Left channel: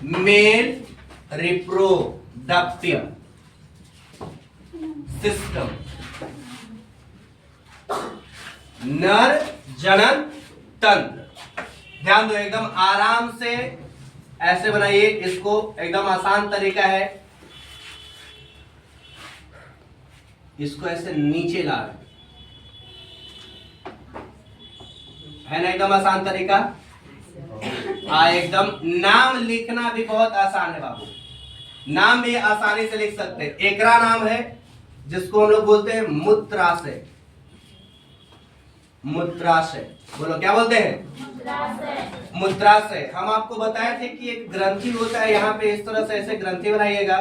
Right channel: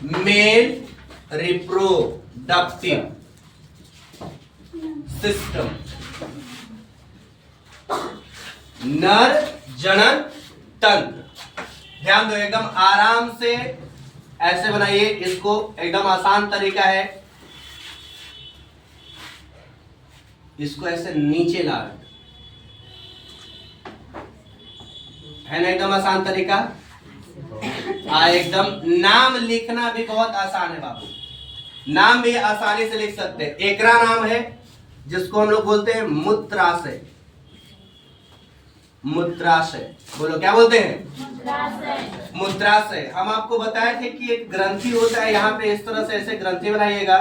Male reproductive system, नर जनन तंत्र। ध्यान दो, एकदम आराम से ऐसे बनाइए इसको, एकदम आसान तरीका है। इसको ऐसे नीचे ला, है ना, एकदम आसान तरीका। एकदम नाम लिखना भी बहुत आसान है बाबू, नाम भी आसानी से लिख सकते हैं। एकरा नाम है जिसको हम लोग बोलते हैं मूत्राशय। मूत्राशय, बोलो क्या बोलते हैं? मूत्राशय। हम आपको बताए थे कि एक ग्रंथि होता है, यहाँ पे इस तरह से ऐसे ग्रंथि बनाइएगा,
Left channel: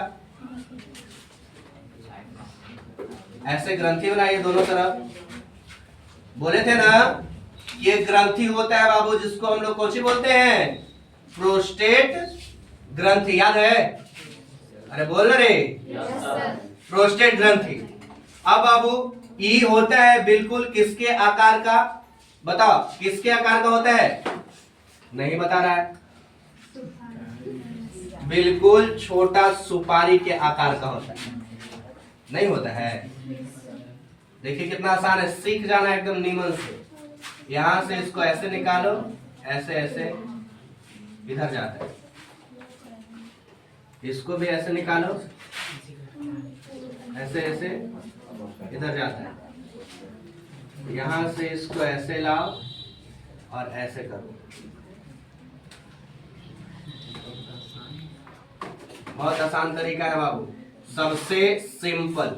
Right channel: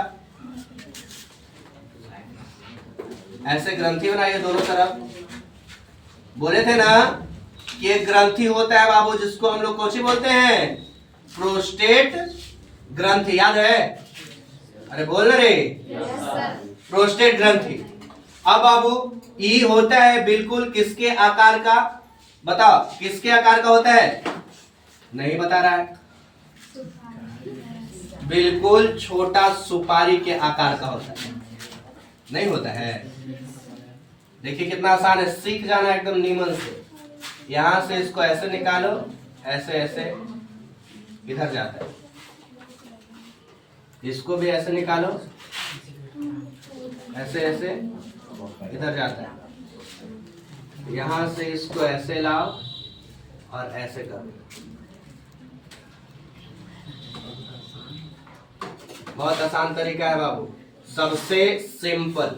ऐसे ग्रंथि बनाइए दोनों तरफ। बोले थे ना कि एक ग्रंथि होता है बाबू जिसको हम लोग कौन सी बोलते हैं? प्रोस्टेट ग्रंथि। याद है? अरे बोल रे। प्रोस्टेट ग्रंथि। अब बाबू ई होता है बिल्कुल किसके आकार का? बताओ किसके आकार का होता है? नहीं बता रहा है। बिल्कुल छोटा सुपारी के आकार का होता है। नहीं होता है? देखिए कितना आसान है, सीख जाना एकदम नीमन से। यहां से इसको ऐसे निकालो, ऐसे ऐसे इधर जाता है। इसको भी ऐसे निकालो, ऐसे ऐसे इधर जाता है। यहां से इसको ऐसे लाओ और ऐसे करो। बहुत आसान तरीका है बाबू, सबसे सिंपल।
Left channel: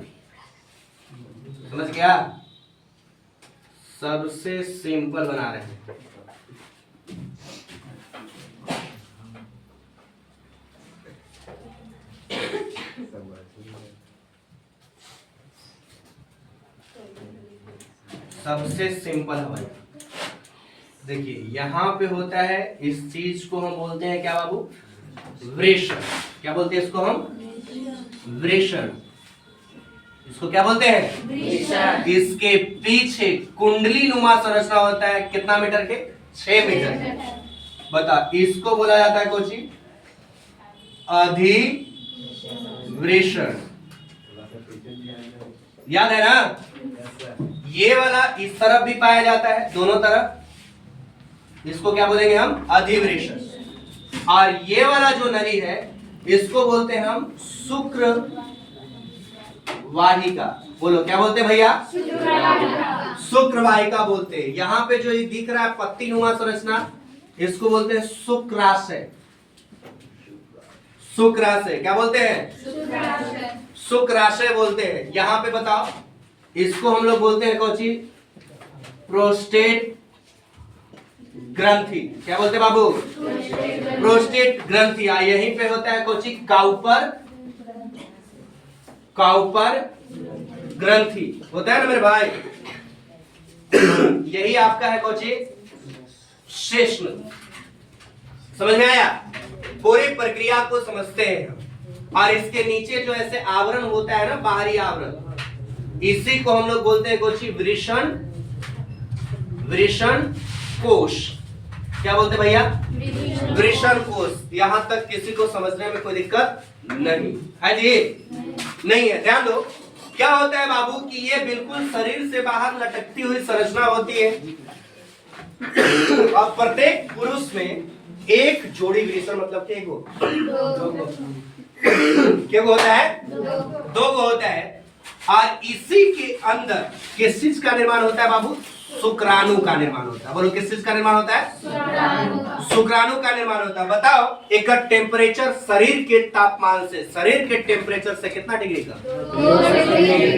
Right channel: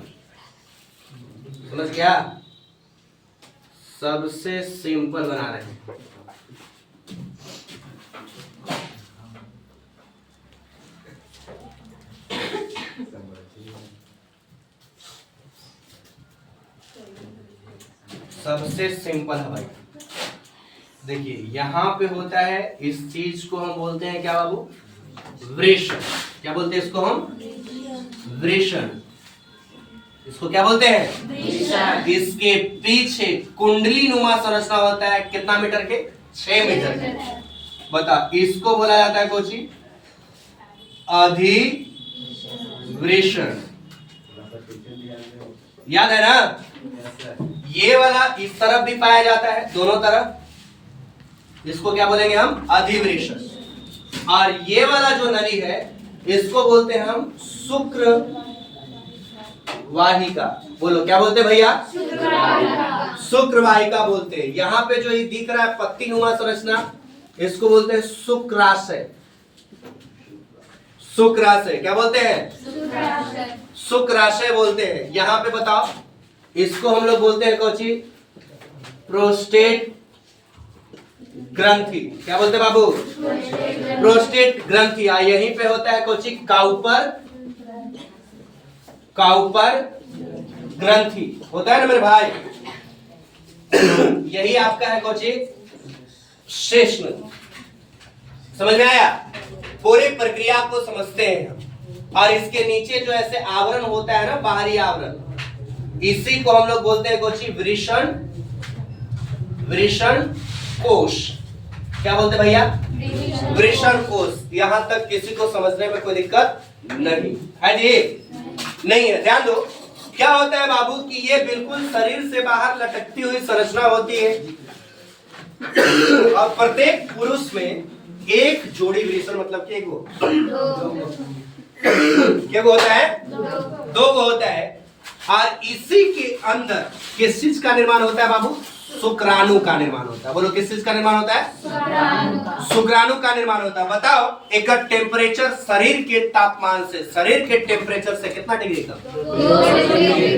समझ गया? सबसे सिंपल बना रहे हैं। सबसे सिंपल है भाई। देखिए यहां पे होता है, इस चीज को हम बोलते हैं क्या बाबू? वृषण। क्या बोलते हैं इसको हम? वृषण। इसको क्या बोलते हैं? इसके पीछे कुंडली नुमा संरचना होता है, कितना मीटर के? 6 मीटर के। बता, इसको बोला जाता है कोची? अधिवृषण। याद है ना? ये वाला इस तरफ भी पाया जाता है, दोनों तरफ। इसको क्या बोलेंगे हम? अधिवृषण। और ये वाला जो नली है इसको बोलते हैं हम शुक्र वाहिका। बोलो क्या बोलते भैया? शुक्र वाहिका बोलते हैं। यहाँ पे जो ये दिख रहा है पत्ती नुमा संरचना, इसको बोलते हैं शुक्राशय। शुक्राशय क्या बोलते हैं? शुक्राशय बोलते हैं। यहाँ पे बताओ, इसको हम लोग बोलते हैं कोची? प्रोस्टेट ग्रंथि। क्या बोलते हैं बाबू? प्रोस्टेट ग्रंथि। यहीं पे होता है कोची? काउपर। काउपर ग्रंथि होता है ना मेरे भाई? यही आपका है कोची? शेषन। समझ में आया? पूरी प्रक्रिया को समझते हैं हम। और इसके नीचे जो ऐसे आवरण होता है ना, बाहरी आवरण, इसी को हम लोग बोलते हैं कोची? वृषण। वृषण कोश। क्या बोलते भैया? वृषण कोश। यहां तक किसी को समझने में कोई दिक्कत नहीं है जी? नहीं है। ध्यान दो, क्या होता है बाबू कि ये बिल्कुल शरीर से बाहर लटकती हुई संरचना होती है। और प्रत्येक पुरुष में एक जोड़ी वृषण, मतलब कि एक गो, क्या होता है? 2 गो होता है। और इसी के अंदर किस चीज का निर्माण होता है बाबू? शुक्राणु का निर्माण होता है। बोलो किस चीज का निर्माण होता है? शुक्राणु का निर्माण होता है। बताओ, एक टेम्परेचर शरीर के तापमान से, शरीर के टेम्परेचर से कितना डिग्री कम?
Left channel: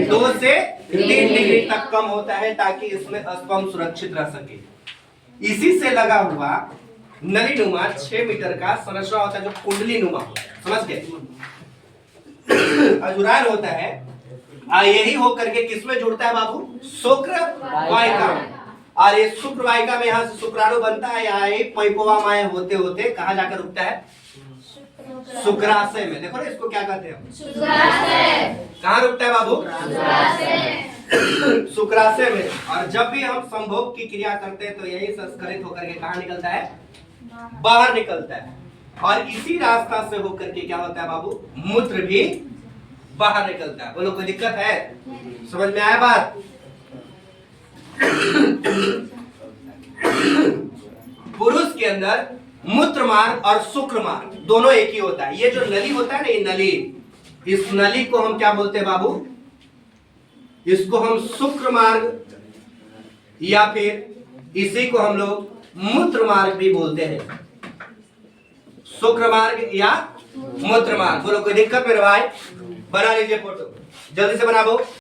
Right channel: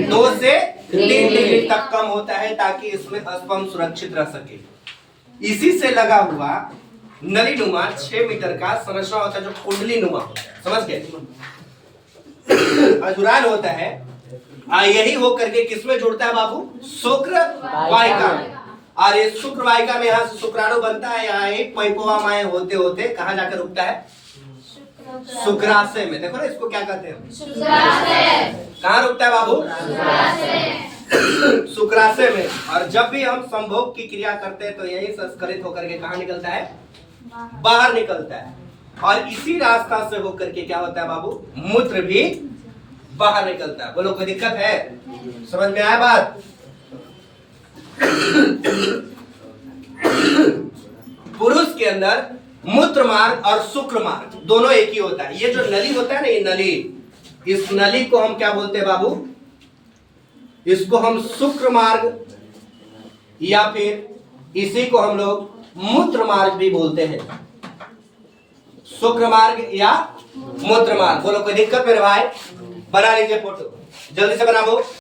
2 से 3 डिग्री तक कम होता है, ताकि इसमें स्पर्म सुरक्षित रह सके। इसी से लगा हुआ नली नुमा 6 मीटर का संरचना होता है, जो कुंडली नुमा होता है। समझ गए? अजुरान होता है, यही हो करके किसमें जुड़ता है बाबू? शुक्र वाहिका। और ये शुक्र वाहिका में यहाँ से शुक्राणु बनता है, यहाँ ही पैपोवामाएं होते होते कहाँ जाकर रुकता है? शुक्राशय में। देखो ना, इसको क्या कहते हैं? शुक्राशय। कहाँ रुकता है बाबू? शुक्राशय में। और जब भी हम संभोग की क्रिया करते हैं तो यही संस्करित होकर के कहाँ निकलता है? बाहर निकलता है। और इसी रास्ता से होकर के क्या होता है बाबू, मूत्र भी बाहर निकलता है। बोलो कोई दिक्कत है? समझ में आया बात? पुरुष के अंदर मूत्र मार्ग और शुक्र मार्ग दोनों एक ही होता है। ये जो नली होता है ना, ये नली, इस नली को हम क्या बोलते हैं बाबू? इसको हम शुक्र मार्ग या फिर इसी को हम लोग मूत्र मार्ग भी बोलते हैं। शुक्र मार्ग या मूत्र मार्ग। बोलो कोई दिक्कत मेरे भाई? बना लीजिए फोटो, जल्दी से बनाओ।